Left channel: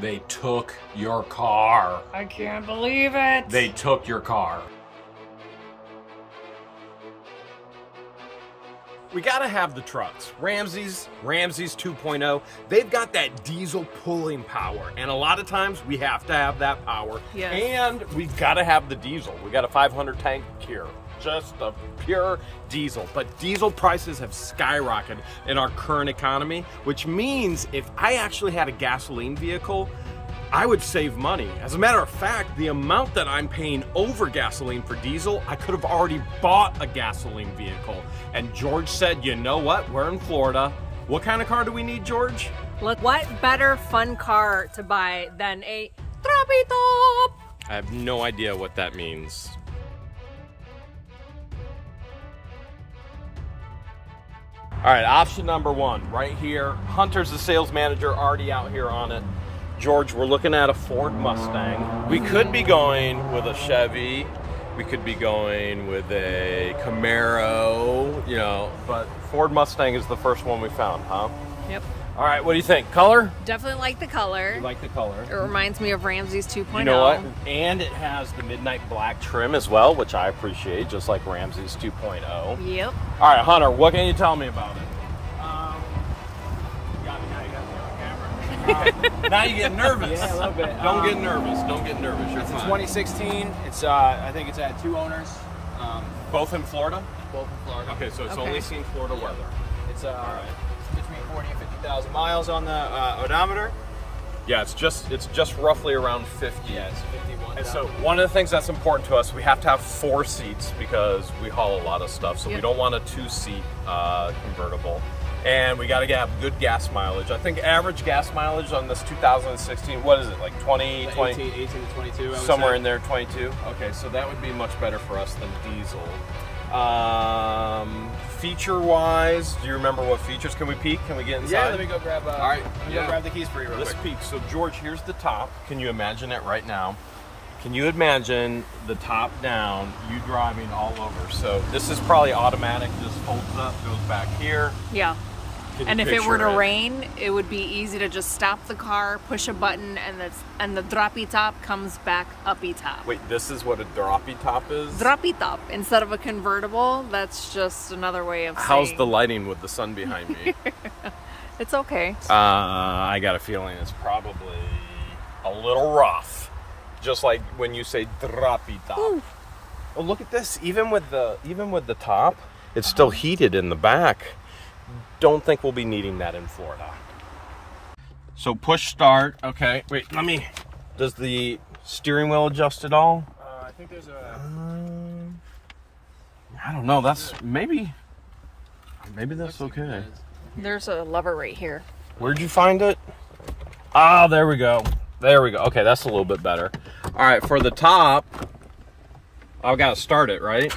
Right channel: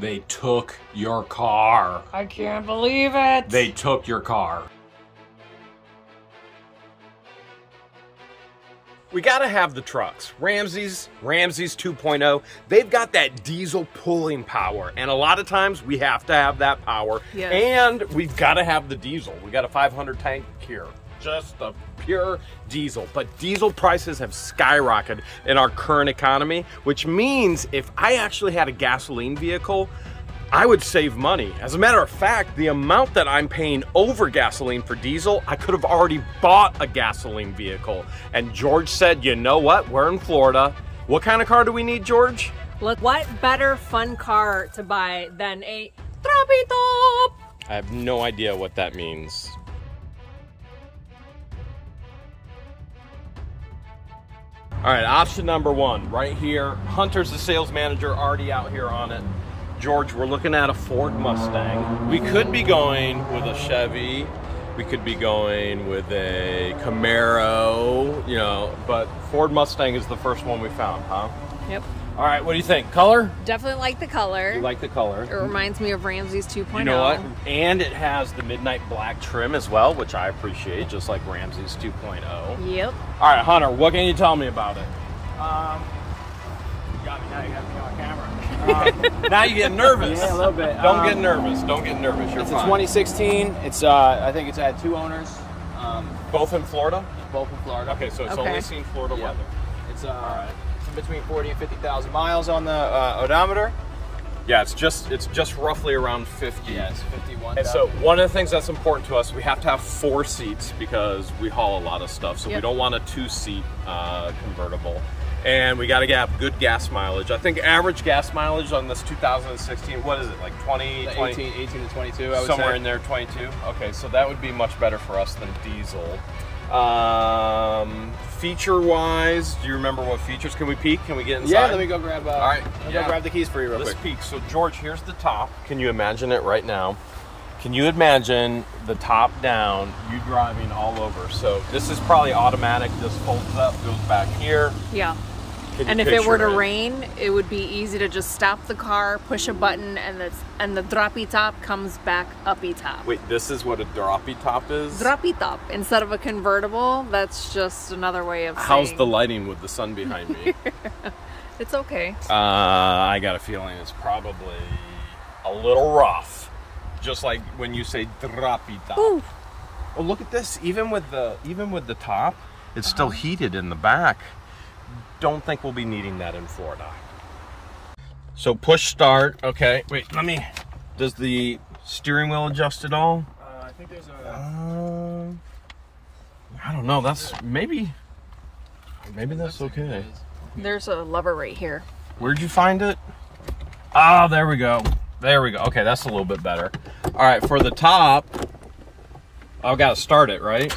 They took your car. I can't believe it. They took your car. We gotta have the trucks. Ramsey's 2.0. They've got that diesel pulling power, and a lot of times we have to have that power. Yes. And we've gotta have the diesel. We got a 500 tank here, just a pure diesel. But diesel prices have skyrocketed in our current economy, which means if I actually had a gasoline vehicle, I would save money. As a matter of fact, the amount that I'm paying over gasoline for diesel, I could have already bought a gasoline vehicle. And George said, you know what? We're in Florida. What kind of car do we need, George? Look, what better fun car to buy than a Droppy Top? I have no idea what that means. All right, option number one, right here. Hunter's the sales manager, already out here on it. George, we're looking at a Ford Mustang. We could be going with a Chevy. We could be going with a Camaro, you know, but Ford Mustang is the first one we found, huh? Yep. All right, what do you think? Color? Definitely like the color. You like the color? It reminds me of Ramsey's 2.0. You know what? And it has the midnight black trim as well, which I appreciate, just like Ramsey's 2.0. Yep. All right, Hunter, what can you tell me about it? You got me now, you got me on camera. Now you get nervous. Yeah, a little bit. Don't get nervous. Don't get nervous. You're It's fine. a 2016. It's I think it's had 2 owners. Both in Florida? Both in Florida. Okay, so it's only seen Florida weather. It's between 40 and 50,000 miles on the odometer. Yeah, it's just roughly around 50. Yeah, it's 51. And so one of the things that's important to us, we have to have 4 seats because we haul a lot of stuff. So we don't want a 2-seat convertible. And we got to have good gas mileage. I think average gas mileage on this 2016, what is it, like 20? 18 to 22, I would somewhere say. in there, 22. Okay, so that would be much better for us than diesel. Feature-wise, do you remember what features? Can we peek? Can we get inside? Yeah, let me go grab. All right, let me go grab the keys for you real Let's quick. peek. So George, here's the top. Can you imagine it right now? Can you imagine the top down, you driving all over? So this is probably automatic. This folds up, goes back here. Yeah. Can And you if it were to picture rain, it would be easy to just stop the car, push a button, and the droppy top comes back uppy top. Wait, this is what a droppy top is? Droppy top. Instead of a convertible, that's just another way of saying. How's the lighting with the sun behind me? It's okay. I got a feeling it's probably a little rough. Just like when you say droppy top. Ooh. Oh, look at this. Even with the top, it's still heated in the back. Don't think we'll be needing that in Florida. So push start. Okay, wait, does the steering wheel adjust at all? I think there's a... I don't know, that's maybe that's okay. There's a lever right here. Where'd you find it? Oh, there we go. There we go. Okay, that's a little bit better. All right, for the top, I've got to start it, right?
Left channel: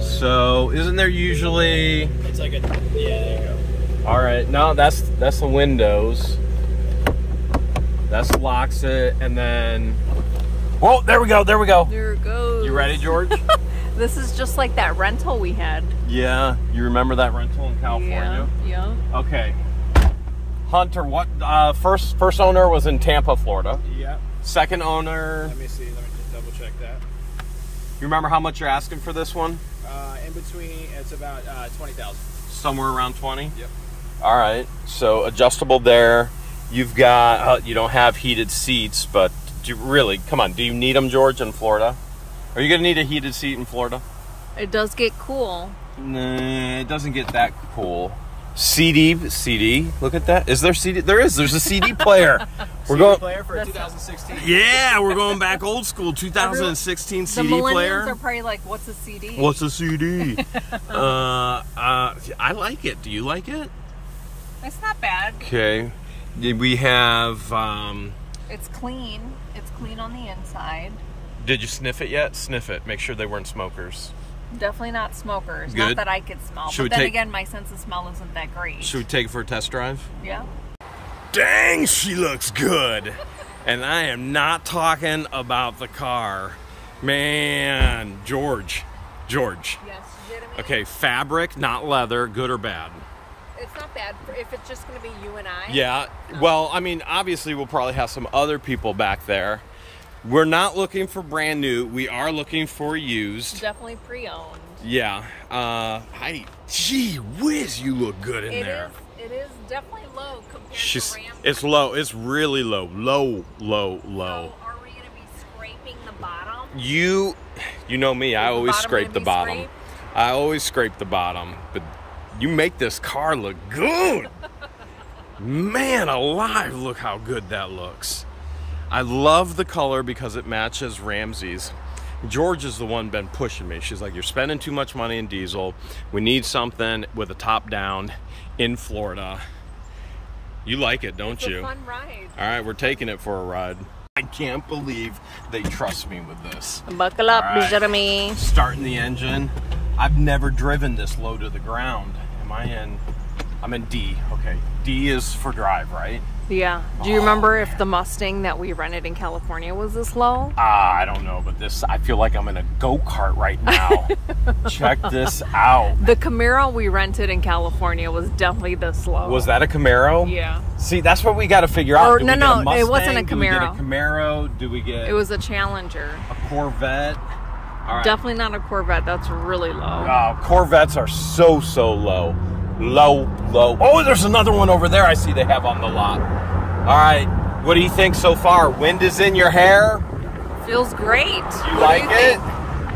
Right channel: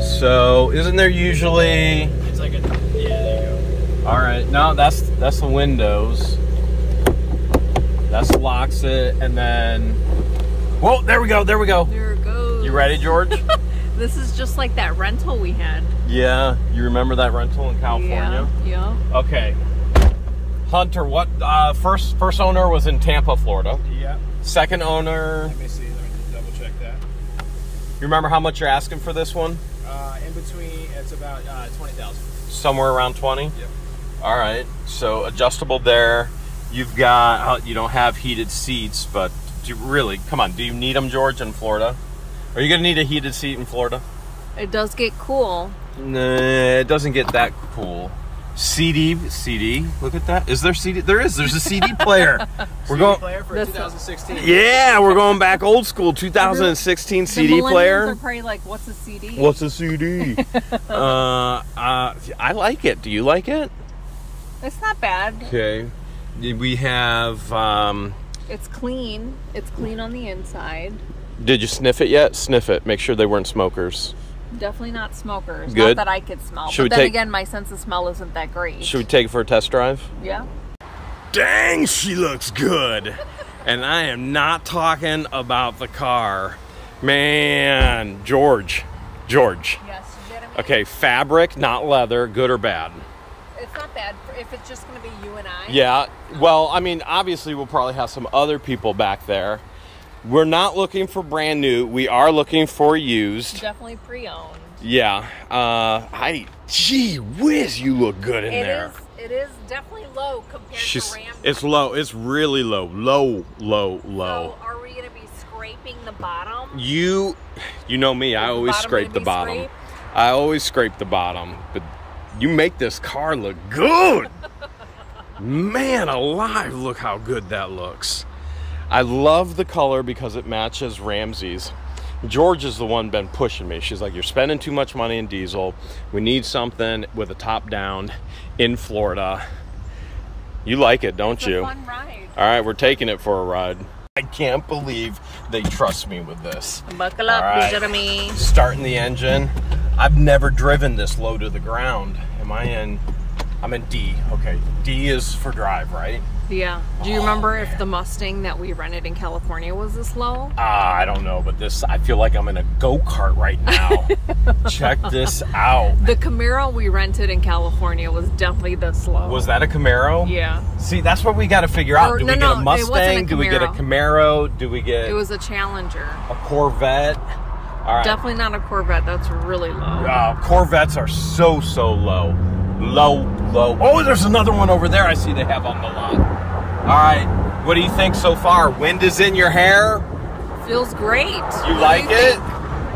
So, isn't there usually... It's like a... Yeah, there you go. All right, no, that's the windows. That's locks it, and then... Whoa, there we go, there we go. There it goes. You ready, George? This is just like that rental we had. Yeah, you remember that rental in California? Yeah. Okay. Hunter, what, first owner was in Tampa, Florida. Yep. Second owner... Let me see, let me double check that. You remember how much you're asking for this one? In between, it's about 20,000. Somewhere around 20? Yep. All right, so adjustable there. You've got, you don't have heated seats, but do you really, come on, do you need them, George, in Florida? Are you gonna need a heated seat in Florida? It does get cool. Nah, it doesn't get that cool. CD, look at that. Is there CD? There's a CD player. We're going player for 2016. Yeah, we're going back old school, 2016 CD player. They're probably like, what's a CD? What's a CD? I like it. Do you like it? It's not bad. Okay. We have... It's clean. It's clean on the inside. Did you sniff it yet? Sniff it. Make sure they weren't smokers. Definitely not smokers. Good. Not that I could smell. Should we but then take- again, my sense of smell isn't that great. Should we take it for a test drive? Yeah. Dang, she looks good. And I am not talking about the car. Man, George. Yes, Jeremy. Okay, fabric, not leather, good or bad? it's not bad if it's just going to be you and I. Yeah. Well, I mean, obviously we'll probably have some other people back there. We're not looking for brand new. We are looking for used. Definitely pre-owned. Yeah. Gee whiz, you look good in there. It is definitely low compared to Ram. It's low. It's really low. Low. So are we going to be scraping the bottom? You know me. I always scrape the bottom. I always scrape the bottom. But you make this car look good. Man alive, look how good that looks. I love the color because it matches Ramsey's. George is the one been pushing me. She's like, you're spending too much money in diesel. We need something with a top down in Florida. You like it, don't you? It's a fun ride. All right, we're taking it for a ride. I can't believe they trust me with this. Buckle up, Jeremy. Starting the engine. I've never driven this low to the ground. I'm in D. Okay, D is for drive, right? Yeah. Do you remember if the Mustang that we rented in California was this low? I don't know, but this, I feel like I'm in a go-kart right now. Check this out. The Camaro we rented in California was definitely this low. Was that a Camaro? Yeah. See, that's what we got to figure out. Do we get a Mustang? It wasn't a Camaro. Do we get a Camaro? Do we get... It was a Challenger. A Corvette? All right. Definitely not a Corvette. That's really low. Corvettes are so low. Low. Oh, there's another one over there I see they have on the lot. All right, what do you think so far? Wind is in your hair? Feels great. You like it?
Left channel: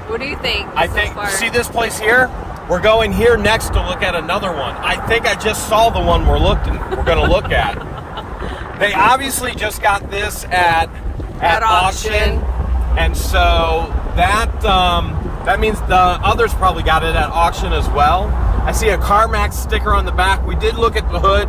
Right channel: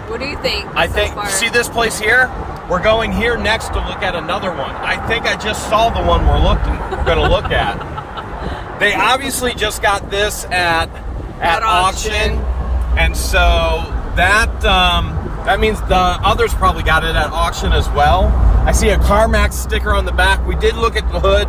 What do you think? I think, see this place here? We're going here next to look at another one. I think I just saw the one we're gonna look at. They obviously just got this at auction. And so that means the others probably got it at auction as well. I see a CarMax sticker on the back. We did look at the hood.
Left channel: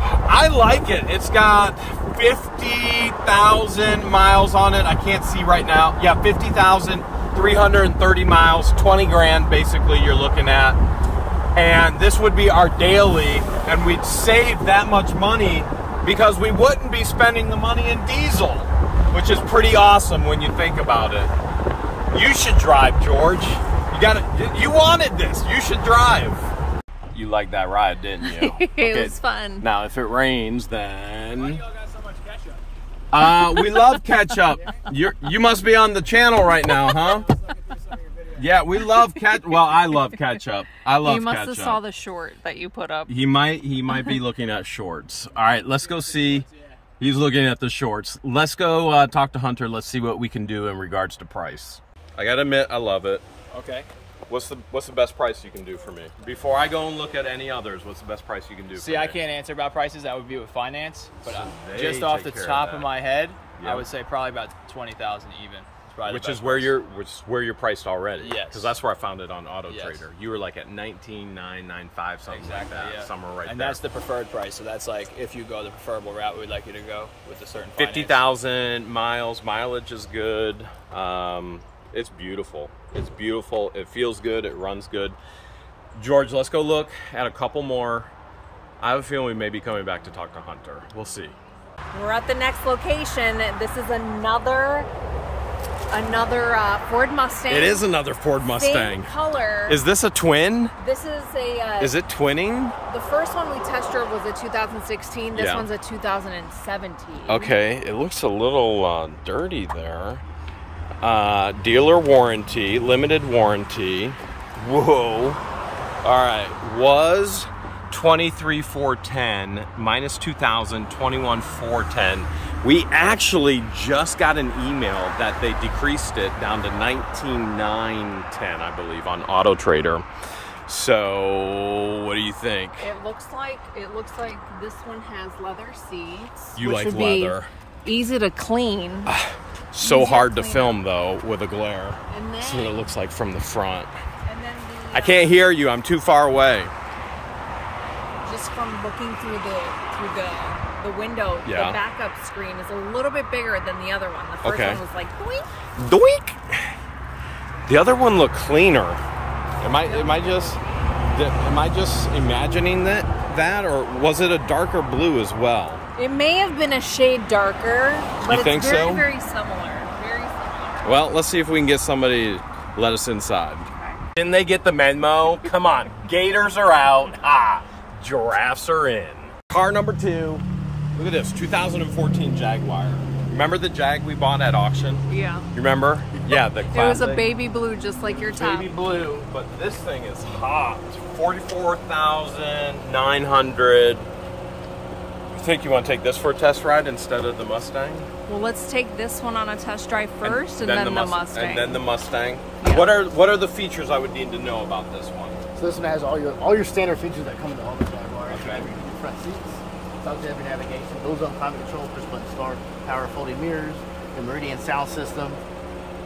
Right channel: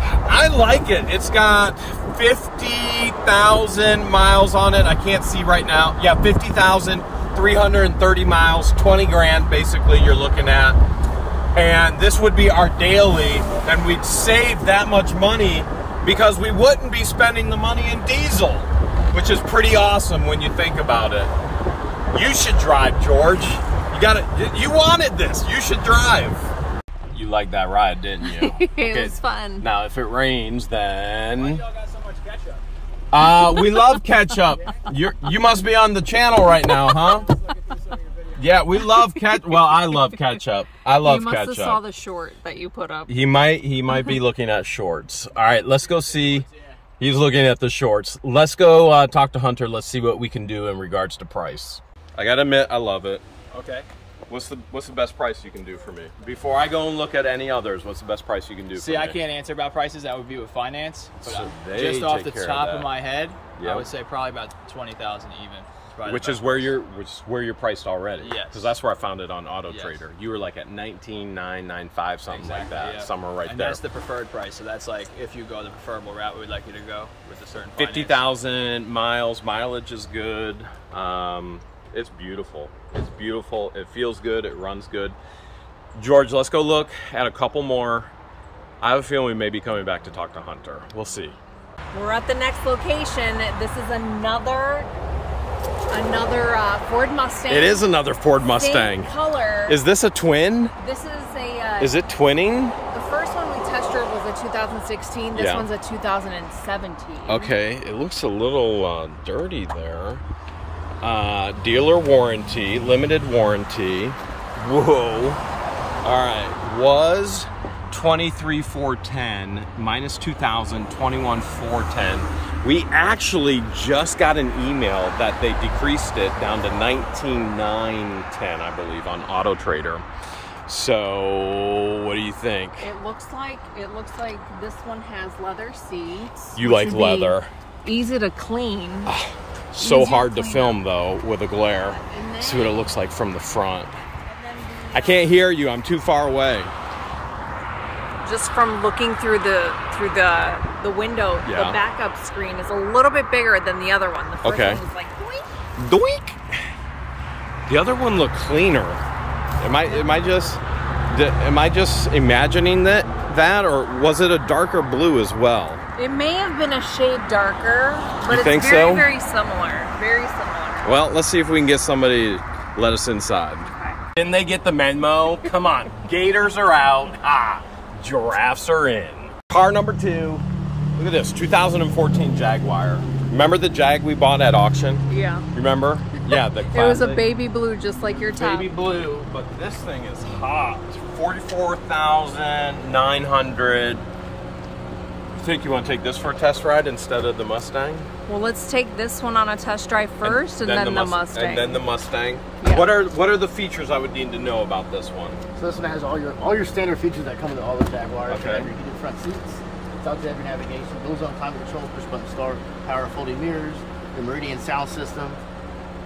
I like it. It's got 50,000 miles on it. I can't see right now. Yeah, 50,000, 330 miles, 20 grand basically you're looking at. And this would be our daily, and we'd save that much money because we wouldn't be spending the money in diesel, which is pretty awesome when you think about it. You should drive, George. You wanted this. You should drive. You liked that ride, didn't you? It was fun. Now, if it rains, then... Y'all got so much ketchup? We love ketchup. You must be on the channel right now, huh? Yeah, we love ketchup. Well, I love ketchup. I love ketchup. You must have saw the short that you put up. He might be looking at shorts. All right, let's go see. He's looking at the shorts. Let's go talk to Hunter. Let's see what we can do in regards to price. I gotta admit, I love it. Okay. What's the best price you can do for me? Before I go and look at any others, what's the best price you can do for me? See, I can't answer about prices. That would be with finance. But so just off the top of my head, I would say probably about 20,000 even. Which is where you're priced already. Yes. Because that's where I found it on Auto Trader. You were like at 19,995 something exactly, like that. Yeah. Somewhere right and there. that's the preferred price. So that's like if you go the preferable route, we'd like you to go with a certain 50,000 miles. Mileage is good. It's beautiful. It's beautiful. It feels good. It runs good. George, let's go look at a couple more. I have a feeling we may be coming back to talk to Hunter. We'll see. We're at the next location. This is another Ford Mustang. It is another Ford Mustang. Same color. Is this a twin? This is a... is it twinning? The first one we test drove was a 2016. This one's a 2017. Okay, it looks a little dirty there. Dealer warranty, limited warranty. Whoa. All right, was 23,410 minus 2,000, 21,410. We actually just got an email that they decreased it down to 19,910, I believe, on Auto Trader. So, what do you think? It looks like this one has leather seats. You like leather? Easy to clean. So hard to film though with a glare. See what it looks like from the front. And then I can't hear you. I'm too far away. Just from looking through the window, the backup screen is a little bit bigger than the other one. The first one was like doink. Doink. The other one looked cleaner. Am I just imagining that, or was it a darker blue as well? It may have been a shade darker, but you think it's very, so? very similar. Very similar. Well, let's see if we can get somebody to let us inside. Okay. Didn't they get the memo? Come on, gators are out. Giraffes are in. Car number 2. Look at this, 2014 Jaguar. Remember the Jag we bought at auction? Yeah. You remember? Yeah, the classic. It was a baby blue, just like your top. Baby blue, but this thing is hot. 44,900. You think you want to take this for a test ride instead of the Mustang? Well, let's take this one on a test drive first, and then the Mustang. And then the Mustang. Yeah. What are the features I would need to know about this one? So this one has all your standard features that come with all the Jaguars. Okay. You have your heated front seats. It's out there, your navigation. Those on climate control, push button start, power folding mirrors, the Meridian sound system.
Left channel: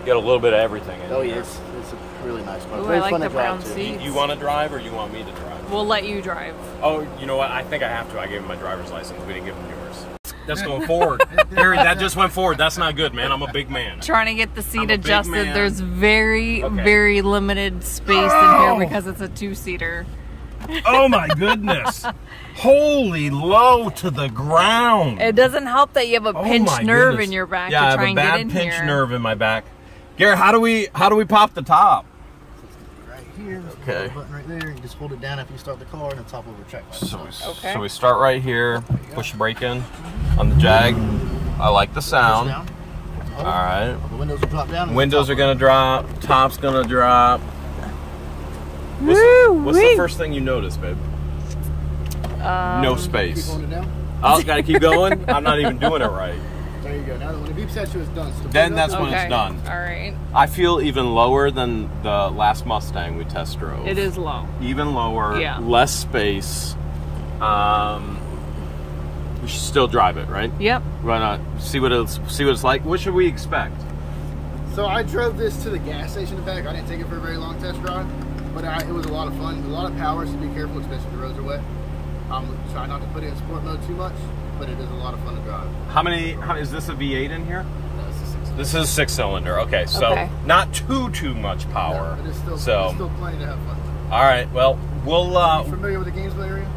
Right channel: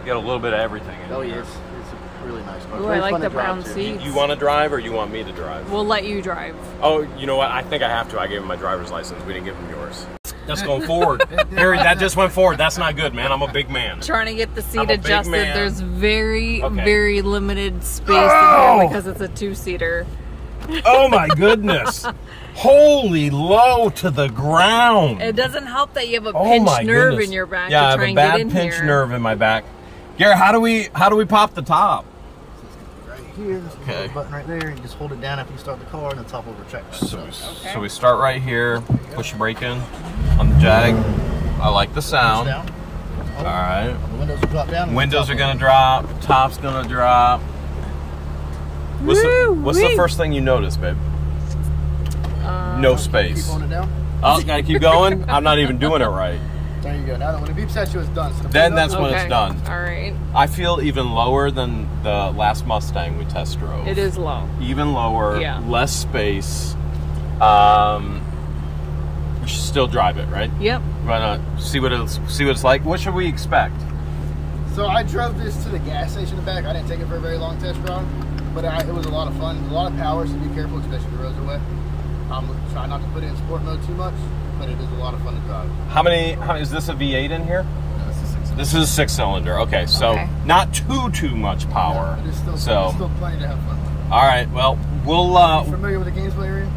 You got a little bit of everything in Oh here. yes, it's a really nice car. Ooh, I like the brown seats. You want to drive or you want me to drive? We'll let you drive. Oh, you know what? I think I have to. I gave him my driver's license. We didn't give him yours. That's going forward. Harry, that just went forward. That's not good, man. I'm a big man. Trying to get the seat adjusted. There's very limited space in here because it's a 2-seater. Oh my goodness. Holy low to the ground. It doesn't help that you have a pinched nerve in your back to try and get in here. Yeah, I have a bad pinched nerve in my back. Gary, how do we pop the top? Right here, there's a little button right there. You just hold it down after you start the car, and the top will retract. So we start right here, push brake in on the Jag. I like the sound. Down. All right. The windows will drop down. Windows are gonna drop. Top's gonna drop. What's the first thing you notice, babe? No space. Keep holding it down. Oh, gotta keep going? I'm not even doing it right. There you go. Now when the beeps at you, it's done. So then that's when it's done. All right. I feel even lower than the last Mustang we test drove. It is low. Even lower. Yeah. Less space. We should still drive it, right? Yep. Why not? See what it's like. What should we expect? So I drove this to the gas station in the back. I didn't take it for a very long test drive, but it was a lot of fun. A lot of power, so be careful, especially if the roads are wet. Try not to put it in sport mode too much, but it is a lot of fun to drive. How is this a V8 in here? No, this is a 6-cylinder. This is a 6-cylinder. Okay, so not too much power. No, but it's still plenty to have fun with. All right, well, we'll. Are you familiar with the Gainesville area?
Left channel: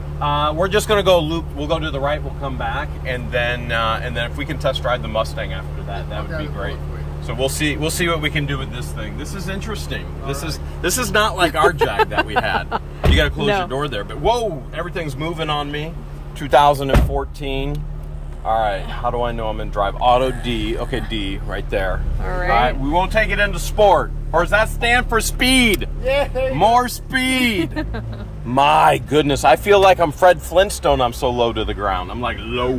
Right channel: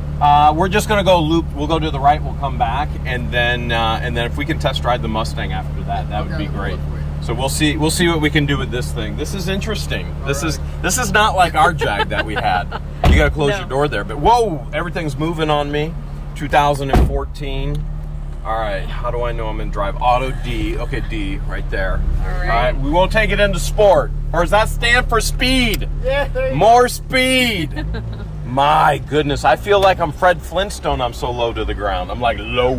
We're just gonna go loop. We'll go to the right. We'll come back, and then if we can test ride the Mustang after that, that would be great. So we'll see what we can do with this thing. This is interesting. This is not like our Jag that we had. You gotta close your door there. But whoa, everything's moving on me. 2014. All right, how do I know I'm in drive? Auto D. Okay, D right there. All right, we won't take it into sport. Or does that stand for speed? Yeah. More speed. My goodness, I feel like I'm Fred Flintstone. I'm so low to the ground. I'm like low.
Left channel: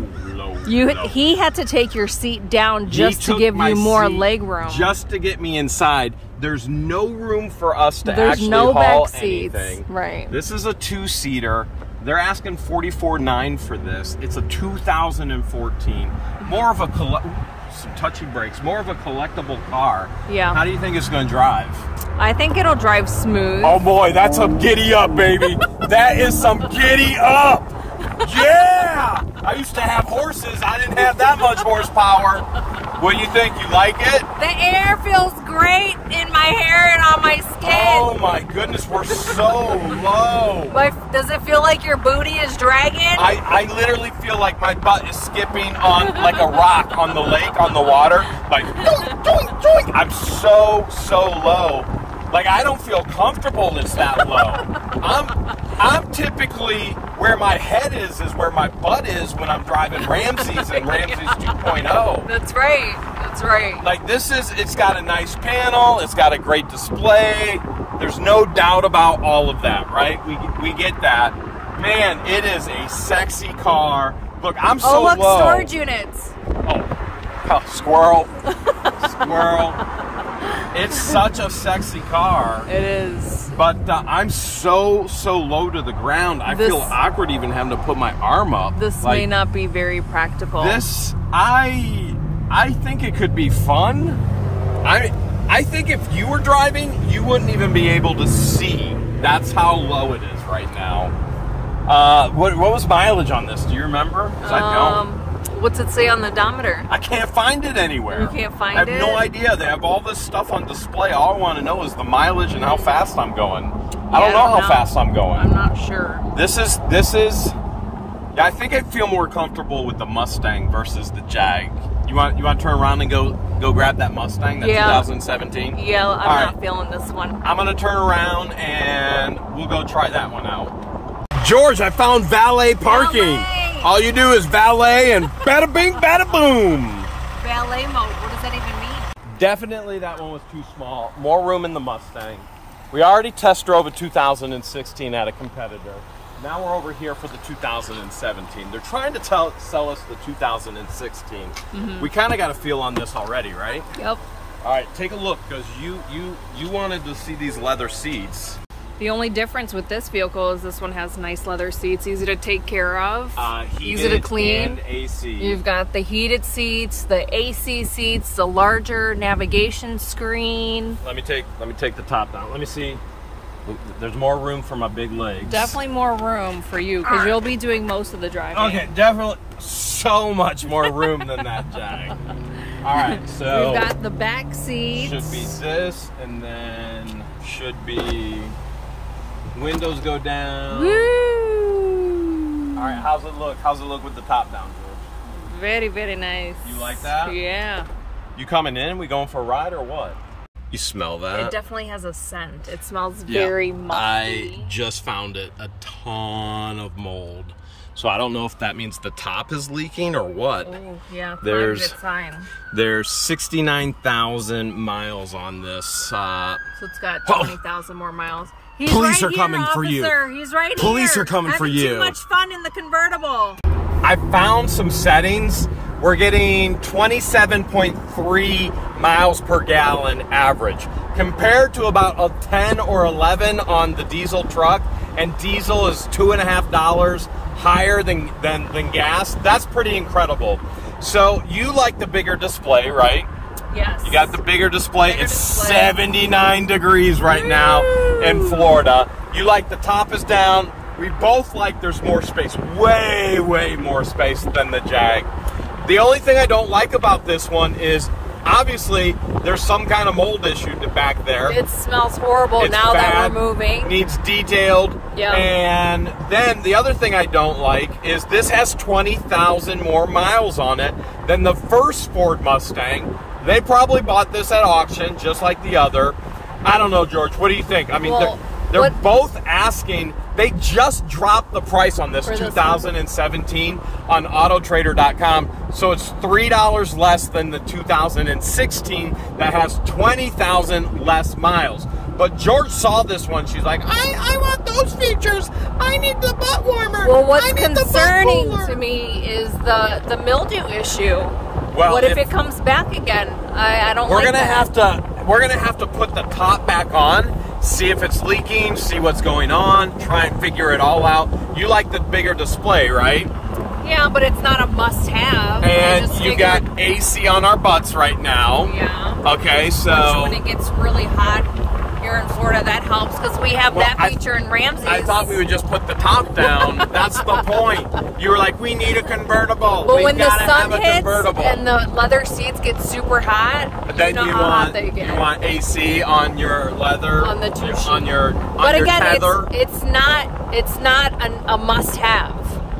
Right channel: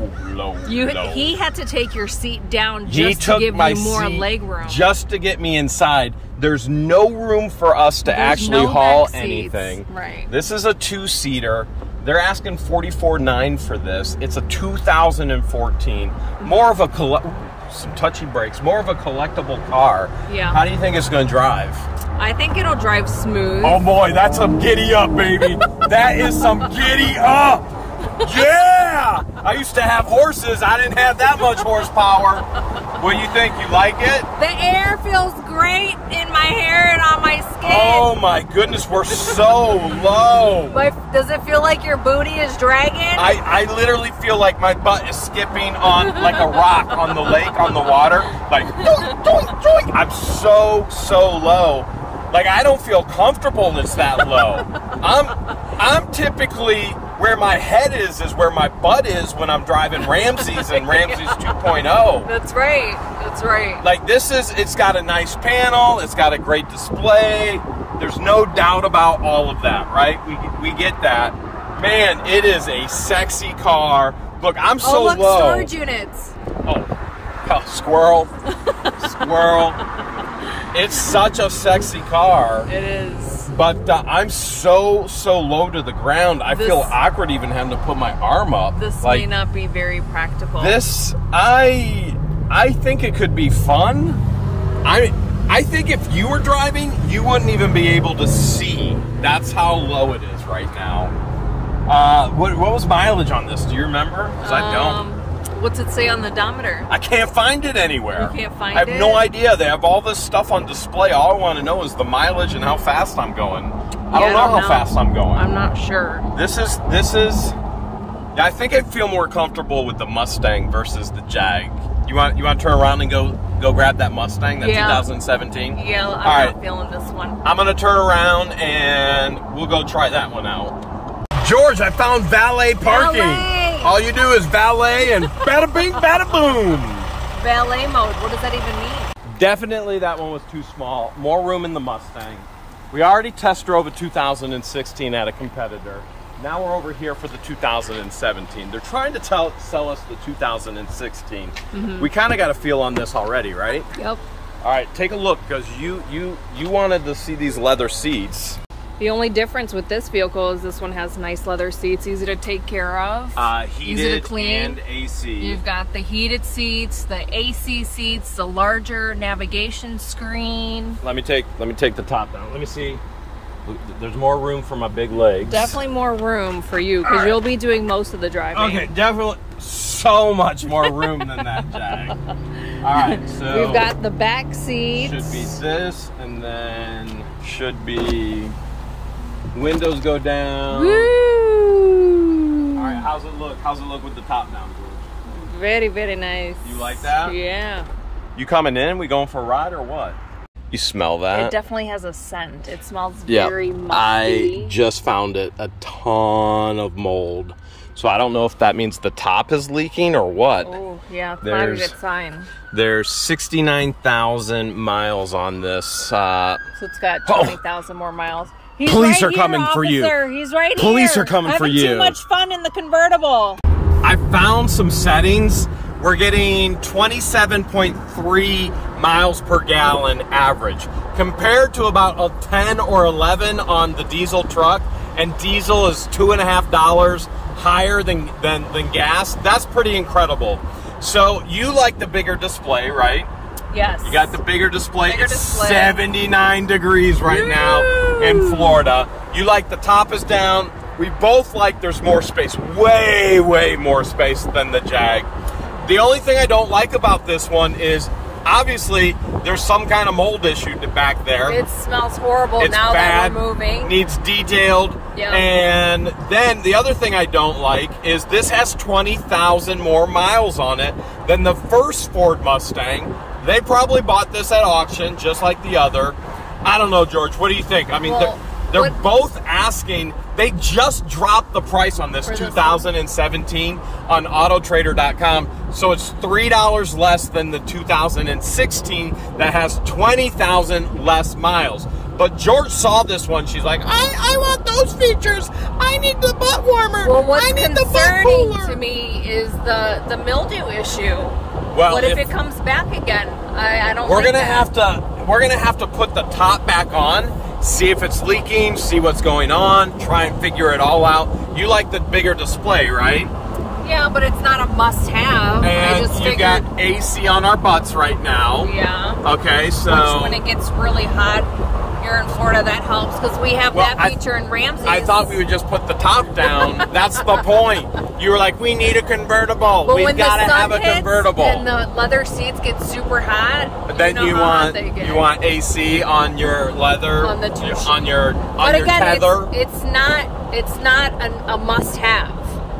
He had to take your seat down just to give you more leg room. Just to get me inside. There's no room for us to actually haul anything. Right. This is a 2-seater. They're asking $44,900 for this. It's a 2014. More of a some touchy brakes. More of a collectible car. Yeah. How do you think it's going to drive? I think it'll drive smooth. Oh boy, that's some giddy up, baby. That is some giddy up. Yeah! I used to have horses. I didn't have that much horsepower. What do you think? You like it? The air feels great in my hair and on my skin. Oh my goodness, we're so low. Does it feel like your booty is dragging? I literally feel like my butt is skipping on like a rock on the lake, on the water. Like, doink, doink. I'm so low. Like, I don't feel comfortable it's that low. I'm typically, where my head is where my butt is when I'm driving Ramsey's and Ramsey's 2.0. That's right. That's right. Like, it's got a nice panel. It's got a great display. There's no doubt about all of that, right? We get that. Man, it is a sexy car. Look, I'm so low. Oh, look, storage units. Oh, squirrel. Squirrel. It's such a sexy car. It is. But I'm so low to the ground. I feel awkward even having to put my arm up. This may not be very practical. This, I think it could be fun. I think if you were driving, you wouldn't even be able to see. That's how low it is right now. What was mileage on this? Do you remember? Because I don't. What's it say on the odometer? I can't find it anywhere. You can't find it? I have no idea. They have all this stuff on display. All I want to know is the mileage and how fast I'm going. Yeah, I don't know how fast I'm going. I'm not sure. This is. I think I'd feel more comfortable with the Mustang versus the Jag. You want to turn around and go grab that Mustang, that 2017? Yeah, I'm not feeling this one. I'm gonna turn around and we'll go try that one out. George, I found valet parking. Valet. All you do is valet and bada bing, bada boom. Valet mode, what does that even mean? Definitely that one was too small. More room in the Mustang. We already test drove a 2016 at a competitor. Now we're over here for the 2017. They're trying to sell us the 2016. We kind of got a feel on this already, right? Yep. All right, take a look, because you wanted to see these leather seats. The only difference with this vehicle is this one has nice leather seats, easy to take care of, easy to clean, and AC. You've got the heated seats, the AC seats, the larger navigation screen. Let me take the top down. Let me see. Look, there's more room for my big legs. Definitely more room for you, because you'll be doing most of the driving. Okay, definitely so much more room than that, Jag. All right, so we've got the back seats. Should be this, and then should be windows go down. Woo! All right, how's it look? How's it look with the top down, George? Very, very nice. You like that? Yeah. You coming in? We going for a ride or what? You smell that? It definitely has a scent. It smells very musty. I just found it a ton of mold. So I don't know if that means the top is leaking or what. Oh, yeah, probably a good sign. There's 69,000 miles on this. So it's got 20,000 more miles. He's Police right are coming here, for you. officer. He's right here. Police are coming for you. Having too much fun in the convertible. I found some settings. We're getting 27.3 miles per gallon average, compared to about a 10 or 11 on the diesel truck, and diesel is $2.50 higher than gas. That's pretty incredible. So you like the bigger display, right? Yes. You got the bigger display. It's 79 degrees right now in Florida. You like the top is down. We both like there's more space, way, way more space than the Jag. The only thing I don't like about this one is, obviously, there's some kind of mold issue back there. It smells horrible now that we're moving. Needs detailed. Yep. And then the other thing I don't like is this has 20,000 more miles on it than the first Ford Mustang. They probably bought this at auction, just like the other. I don't know, George. What do you think? I mean, they're both asking. They just dropped the price on this 2017 on autotrader.com. So it's $3 less than the 2016 that has 20,000 less miles. But George saw this one. She's like, I want those features. I need the butt warmer. Well, what's I need the butt cooler. to me is the mildew issue. Well, what if it comes back again? I don't. We're gonna have to put the top back on, see if it's leaking, see what's going on, try and figure it all out. You like the bigger display, right? Yeah, but it's not a must-have. And I just you figured. got AC on our butts right now. Yeah. Okay, so which when it gets really hot here in Florida, that helps because we have that feature in Ramsey's. I thought we would just put the top down. That's the point. You were like, we need a convertible. We've got to have a convertible. And the leather seats get super hot. Then you want AC on your leather, on your tether. It's not a must-have.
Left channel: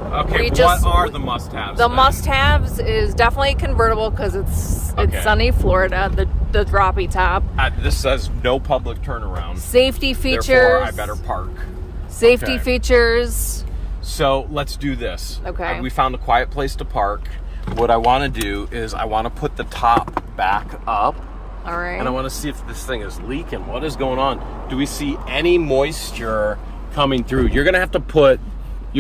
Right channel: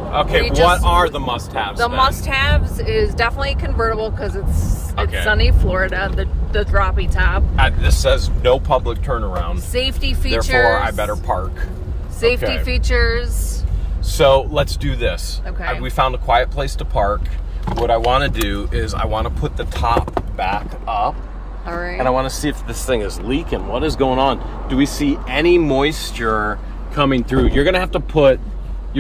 Okay, what are the must-haves? The must-haves is definitely a convertible because it's sunny Florida, the droppy top. This says no public turnaround. Safety features. Therefore, I better park. Safety features. So let's do this. Okay. We found a quiet place to park. What I want to do is I want to put the top back up. All right. And I want to see if this thing is leaking. What is going on? Do we see any moisture coming through? You're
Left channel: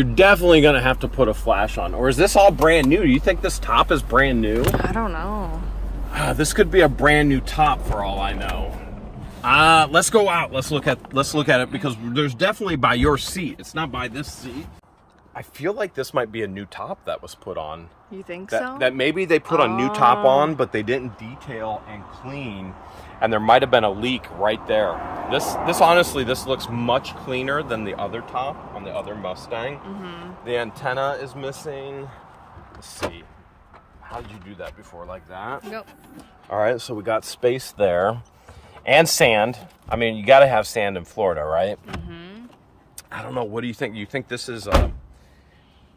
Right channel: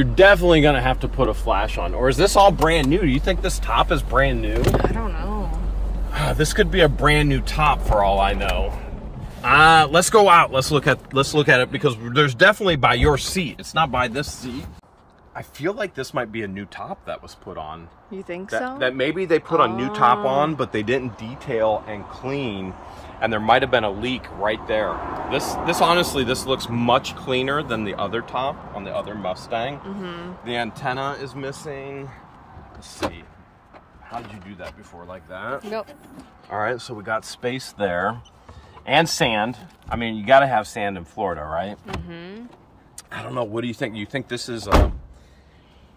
definitely going to have to put a flash on. Or is this all brand new? Do you think this top is brand new? I don't know. This could be a brand new top for all I know. Let's go out. Let's look at it, because there's definitely by your seat. It's not by this seat. I feel like this might be a new top that was put on. You think so? That maybe they put a new top on, but they didn't detail and clean, and there might have been a leak right there. This honestly, this looks much cleaner than the other top on the other Mustang. Mm-hmm. The antenna is missing. Let's see. How did you do that before, like that? Nope. All right, so we got space there. And sand. I mean, you got to have sand in Florida, right? Mm-hmm. I don't know. What do you think? Do you think this is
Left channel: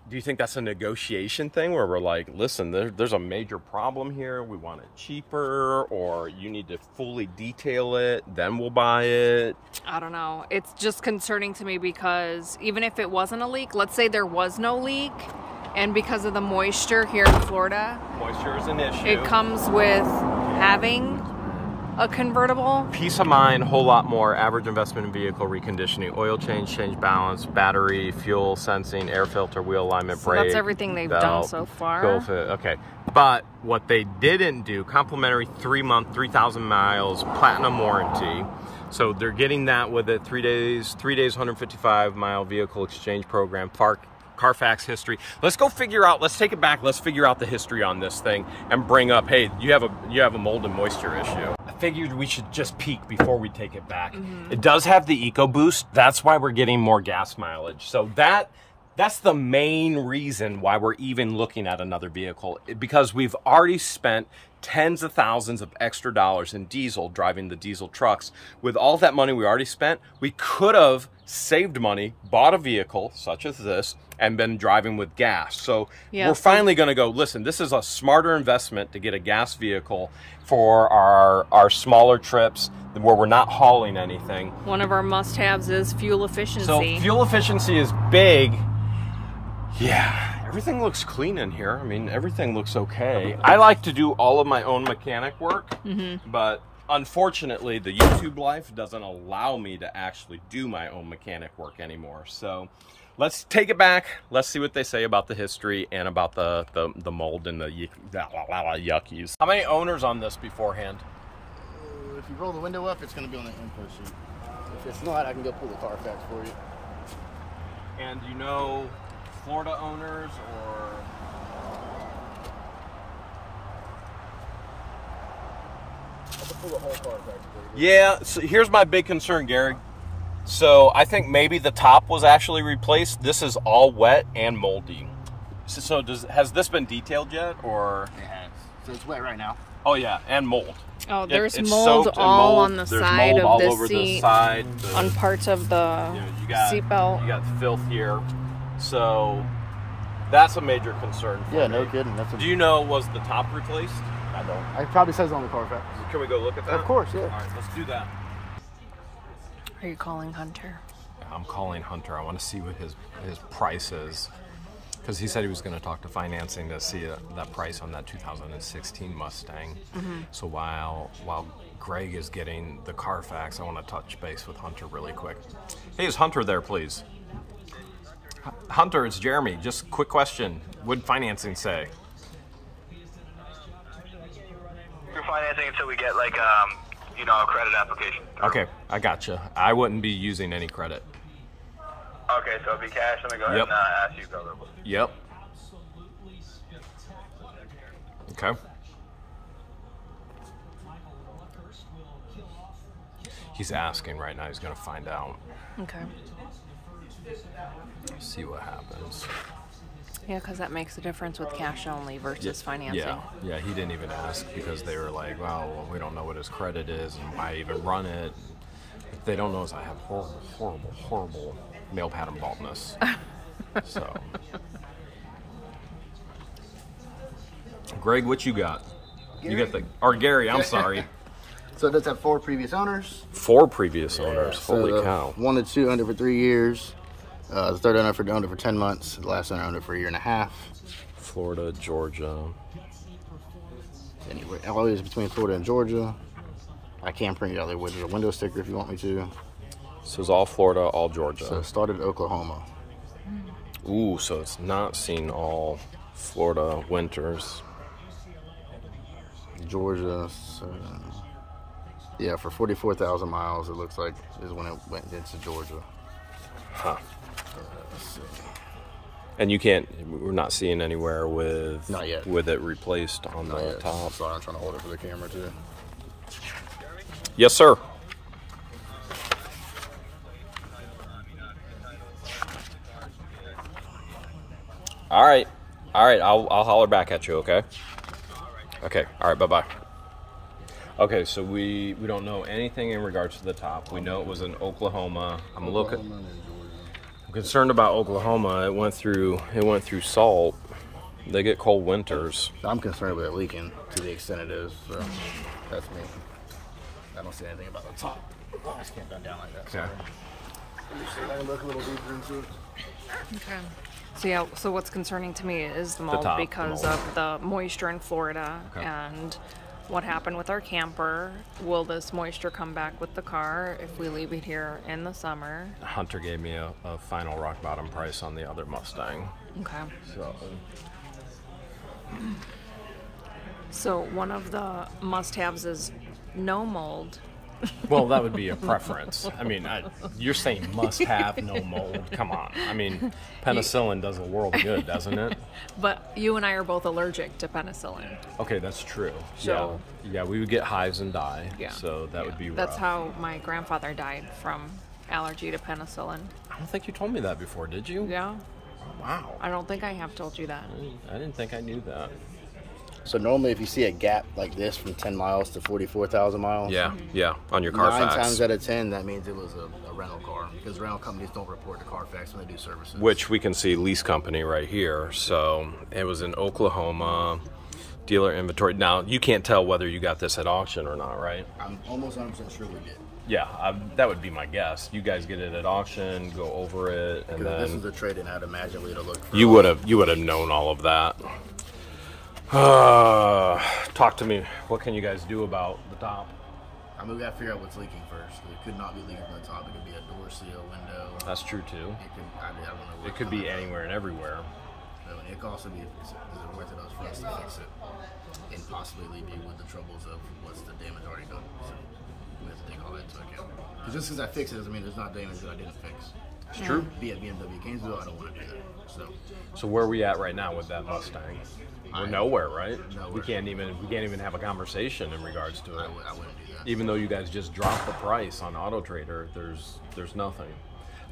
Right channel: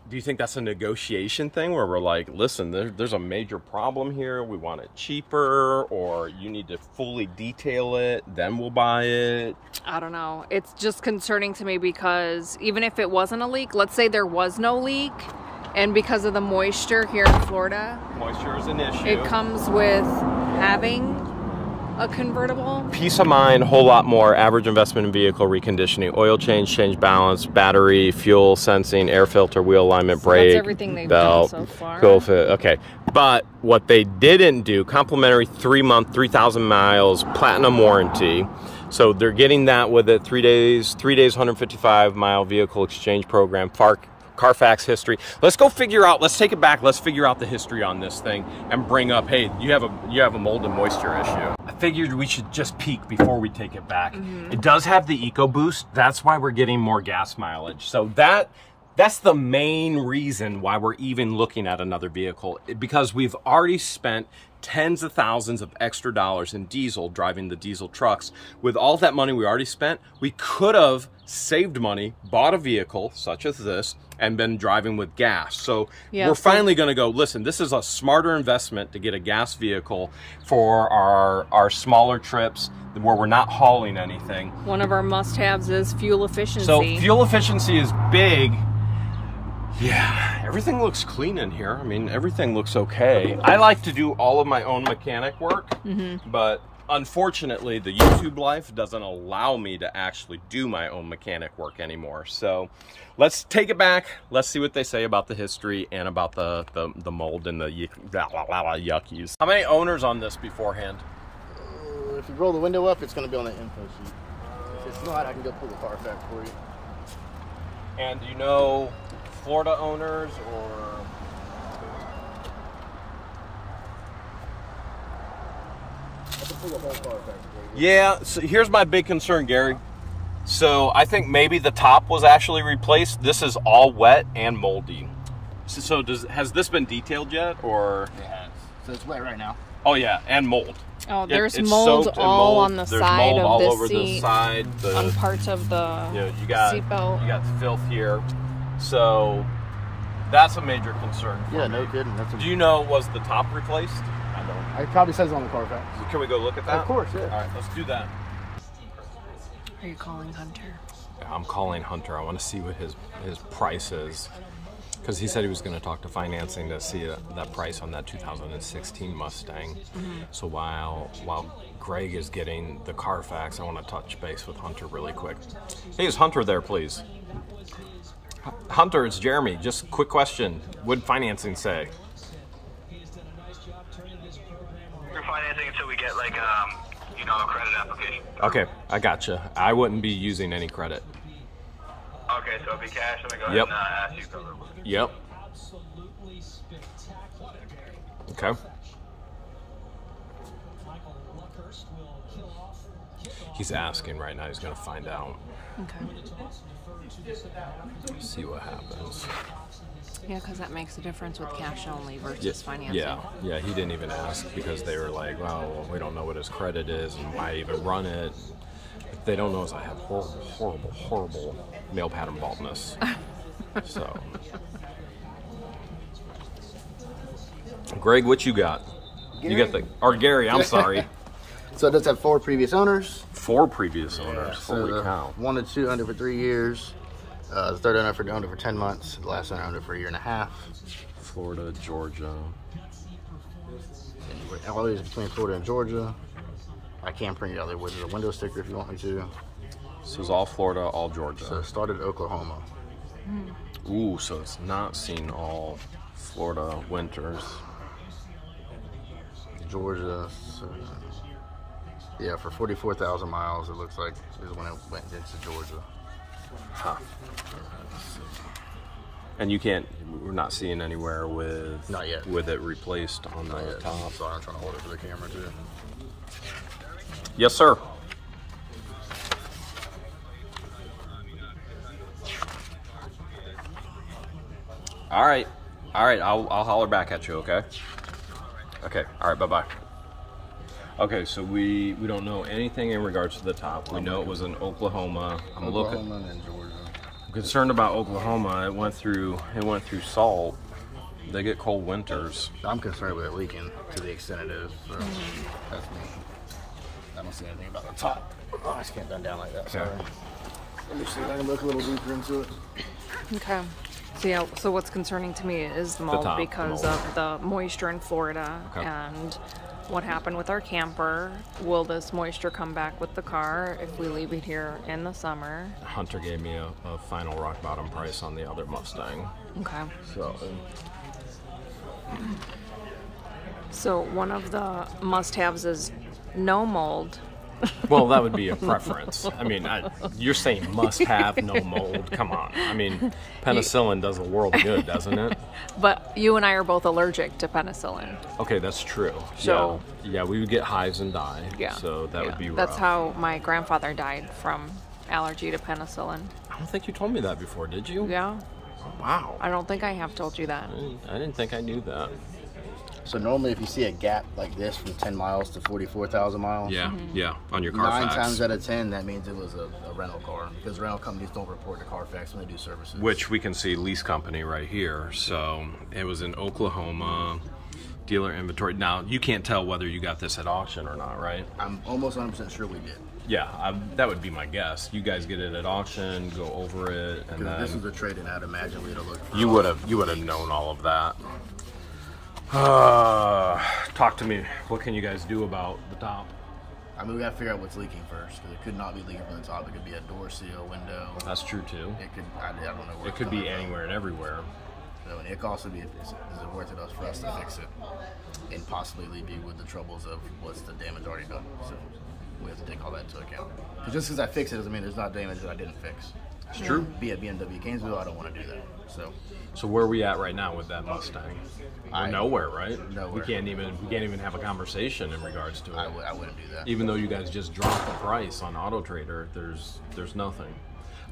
do you think that's a negotiation thing where we're like, listen, there's a major problem here, we want it cheaper, or you need to fully detail it, then we'll buy it? I don't know. It's just concerning to me because even if it wasn't a leak, let's say there was no leak, and because of the moisture here in Florida, moisture is an issue. It comes with having a convertible. Peace of mind, whole lot more. Average investment in vehicle reconditioning, oil change, change balance, battery, fuel sensing, air filter, wheel alignment, brake. That's everything they've done so far. Okay, but what they didn't do, complimentary 3-month, 3,000 miles, platinum warranty. So they're getting that with it. 3 days, 155-mile vehicle exchange program. Carfax history. Let's go figure out, let's take it back, let's figure out the history on this thing and bring up, hey, you have a mold and moisture issue. I figured we should just peek before we take it back. It does have the EcoBoost, that's why we're getting more gas mileage. So that's the main reason why we're even looking at another vehicle, because we've already spent tens of thousands of extra dollars in diesel driving the diesel trucks. With all that money we already spent, we could have saved money, bought a vehicle such as this, and been driving with gas. So we're finally gonna go, listen, this is a smarter investment to get a gas vehicle for our smaller trips where we're not hauling anything. One of our must-haves is fuel efficiency. So fuel efficiency is big. Yeah, everything looks clean in here. I mean, everything looks okay. I like to do all of my own mechanic work, but unfortunately, the YouTube life doesn't allow me to actually do my own mechanic work anymore. So let's take it back. Let's see what they say about the history and about the mold and the yuckies. How many owners on this beforehand? If you roll the window up, it's going to be on the info sheet. If it's not, I can go pull the Carfax for you. And you know Florida owners or... I can pull the whole Carfax for you. Yeah, so here's my big concern, Gary. So I think maybe the top was actually replaced. This is all wet and moldy. So has this been detailed yet, or? It has. So it's wet right now. Oh yeah, and mold. Oh, there's mold all on the side of this seat, on parts of the seatbelt. You got filth here. So that's a major concern for me. No kidding. Do you know, was the top replaced? I don't. It probably says it on the Carfax. Can we go look at that? Of course, yeah. All right, let's do that. Are you calling Hunter? Yeah, I'm calling Hunter. I want to see what his price is, because he said he was going to talk to financing to see that price on that 2016 Mustang. So while Greg is getting the Carfax, I want to touch base with Hunter really quick. Hey, is Hunter there, please? Hunter, it's Jeremy. Just quick question. What'd financing say? You're financing until we get like you know, a credit application. Okay, I gotcha. I wouldn't be using any credit. Okay, so it'll be cash. I'm gonna go ahead and ask you to cover it. Yep. Okay. He's asking right now. He's gonna find out. Okay. See what happens. Yeah, because that makes a difference with cash only versus financing. Yeah, he didn't even ask because they were like, well, we don't know what his credit is and why even run it. What they don't know is I have horrible male pattern baldness. So, Greg, what you got? Gary. You got or Gary, I'm sorry. So it does have 4 previous owners. 4 previous owners. Holy cow. 1 to 2 owned it for 3 years. The third owner owned it for 10 months. The last owner owned it for 1.5 years. Florida, Georgia. And always between Florida and Georgia. I can print it out there with a window sticker if you want me to. So it's all Florida, all Georgia. So it started Oklahoma. Ooh, so it's not seen all Florida winters. Georgia. So, yeah, for 44,000 miles, it looks like is when it went into Georgia. Huh. And you can't, we're not seeing anywhere with, not yet, with it replaced on the top. Sorry, I'm trying to hold it for the camera too. Yes, sir. All right, I'll holler back at you, okay? Okay, all right, bye-bye. Okay, so we don't know anything in regards to the top. We know it was in Oklahoma. Oklahoma and Georgia. I'm concerned about Oklahoma. It went through salt. They get cold winters. I'm concerned with it leaking to the extent it is. So that's me. I don't see anything about the top. Oh, I just can't bend down like that. Okay. Let me see if I can look a little deeper into it. Okay. So yeah, so what's concerning to me is the mold because of the moisture in Florida and what happened with our camper. Will this moisture come back with the car if we leave it here in the summer? Hunter gave me a final rock bottom price on the other Mustang. Okay. So one of the must-haves is no mold. Well, that would be a preference. I mean, you're saying must have, no mold. Come on. I mean, penicillin does a world of good, doesn't it? But you and I are both allergic to penicillin. Okay, that's true. So, yeah, we would get hives and die. Yeah. So that would be rough. That's how my grandfather died, from allergy to penicillin. I don't think you told me that before, did you? Yeah. Oh, wow. I don't think I have told you that. I didn't think I knew that. So normally if you see a gap like this from 10 miles to 44,000 miles. Yeah, yeah, on your Carfax. 9 times out of 10, that means it was a rental car, because rental companies don't report to Carfax when they do services. Which we can see lease company right here. So it was in Oklahoma, dealer inventory. Now, you can't tell whether you got this at auction or not, right? I'm almost 100% sure we did. Yeah, that would be my guess. You guys get it at auction, go over it, and then this is a trade-in. I'd imagine we'd have looked. You would have known all of that. Talk to me. What can you guys do about the top? I mean, we got to figure out what's leaking first, because it could not be leaking from the top. It could be a door seal, window. That's true too. It could. I don't know. It could be anywhere and everywhere. So it could also be, is it worth it for us to fix it and possibly leave you with the troubles of what's the damage already done? So we have to take all that into account. Because just because I fix it doesn't mean there's not damage that I didn't fix. It's true. Be at BMW Gainesville, I don't want to do that. So where are we at right now with that Mustang? We're nowhere, right? Nowhere. We can't even have a conversation in regards to it. I wouldn't do that. Even though you guys just dropped the price on Auto Trader, there's nothing.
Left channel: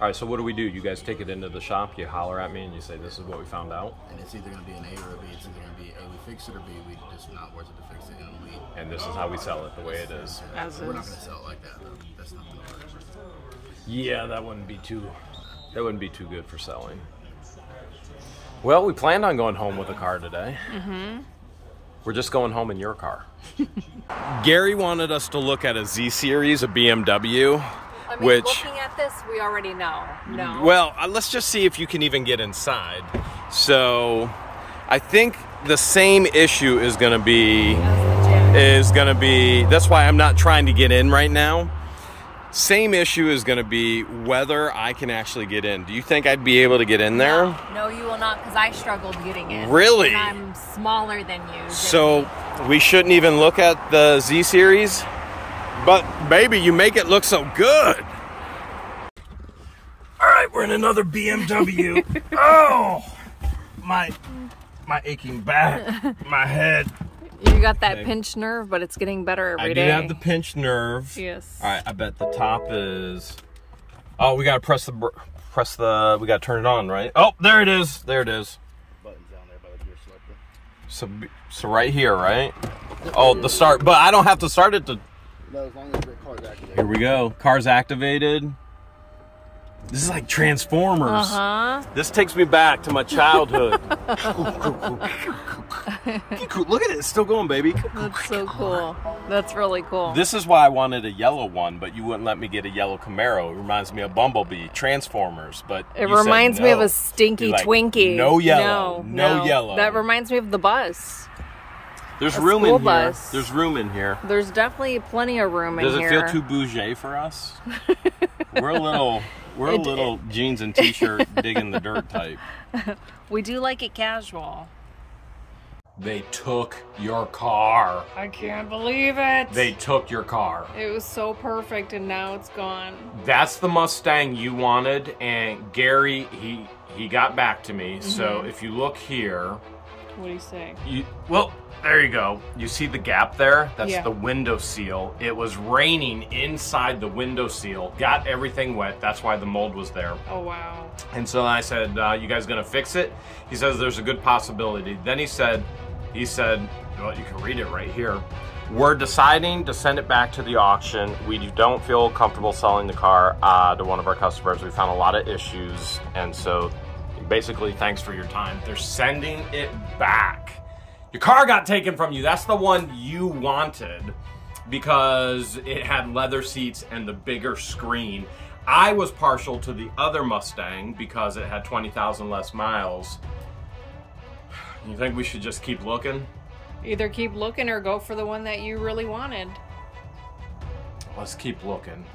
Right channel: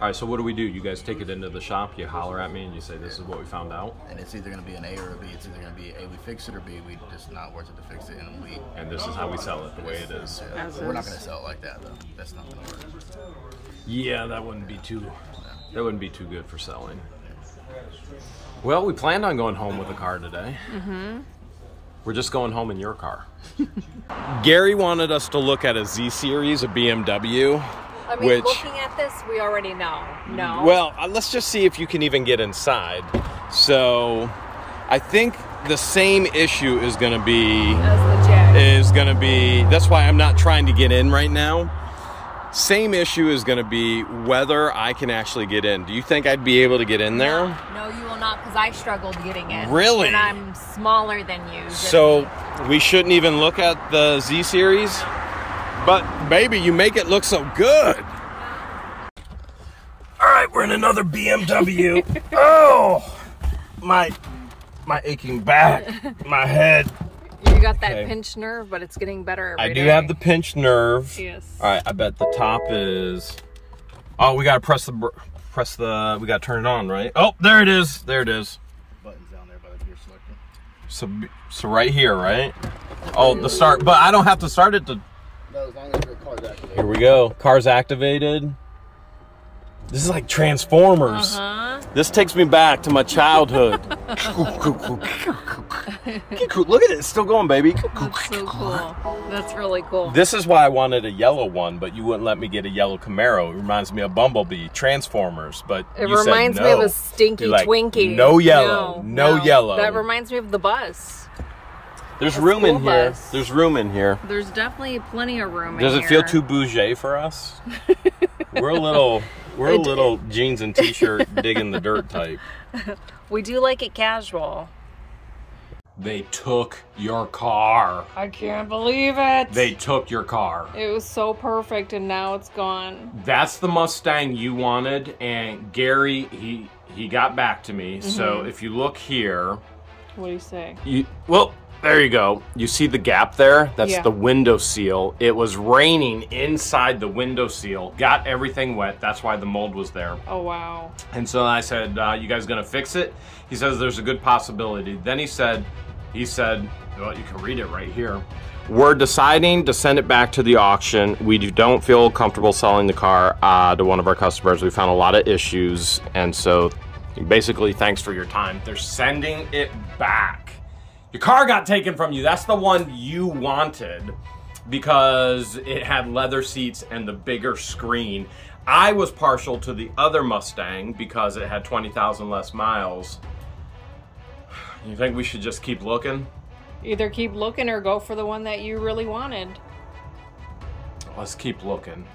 All right, so what do? You guys take it into the shop, you holler at me, and you say, this is what we found out? And it's either going to be an A or a B. It's either going to be A, we fix it, or B, we just not worth it to fix it, and this is how we sell it, the way it is. Yeah. We're not going to sell it like that, though. That's not going to work. Yeah, that wouldn't be too good for selling. Well, we planned on going home with a car today. Mm-hmm. We're just going home in your car. Gary wanted us to look at a Z Series, a BMW. I mean, looking at this, we already know. No. Well, let's just see if you can even get inside. So, I think the same issue is going to be... As the Jag. That's why I'm not trying to get in right now. Same issue is going to be whether I can actually get in. Do you think I'd be able to get in there? No, you will not, because I struggled getting in. Really? And I'm smaller than you. So we shouldn't even look at the Z Series? No. But baby, you make it look so good. All right, we're in another BMW. Oh, my aching back, my head. You got that pinched nerve, but it's getting better every day. I do have the pinched nerve. Yes. All right, I bet the top is... Oh, we gotta we gotta turn it on, right? Oh, there it is. There it is. Buttons down there by the gear selector. So right here, right? Oh, the start, but I don't have to start it to... No, as long as the car's activated. Here we go. Car's activated. This is like Transformers. Uh-huh. This takes me back to my childhood. Look at it. It's still going, baby. That's so cool. That's really cool. This is why I wanted a yellow one, but you wouldn't let me get a yellow Camaro. It reminds me of Bumblebee, Transformers, but it you said no. It reminds me of a stinky Twinkie. No yellow. No yellow. That reminds me of the bus. There's room in here. There's room in here. There's definitely plenty of room in here. Does it feel too bougie for us? We're a little jeans and t-shirt digging the dirt type. We do like it casual. They took your car. I can't believe it. They took your car. It was so perfect and now it's gone. That's the Mustang you wanted, and Gary, he got back to me. Mm-hmm. So if you look here. What do you say? Well, there you go. You see the gap there? That's the window seal. It was raining inside the window seal. Got everything wet. That's why the mold was there. Oh, wow. And so I said, you guys gonna fix it? He says there's a good possibility. Then he said, well, you can read it right here. We're deciding to send it back to the auction. We don't feel comfortable selling the car to one of our customers. We found a lot of issues, and so basically, thanks for your time. They're sending it back. Your car got taken from you. That's the one you wanted because it had leather seats and the bigger screen. I was partial to the other Mustang because it had 20,000 less miles. You think we should just keep looking? Either keep looking or go for the one that you really wanted. Let's keep looking.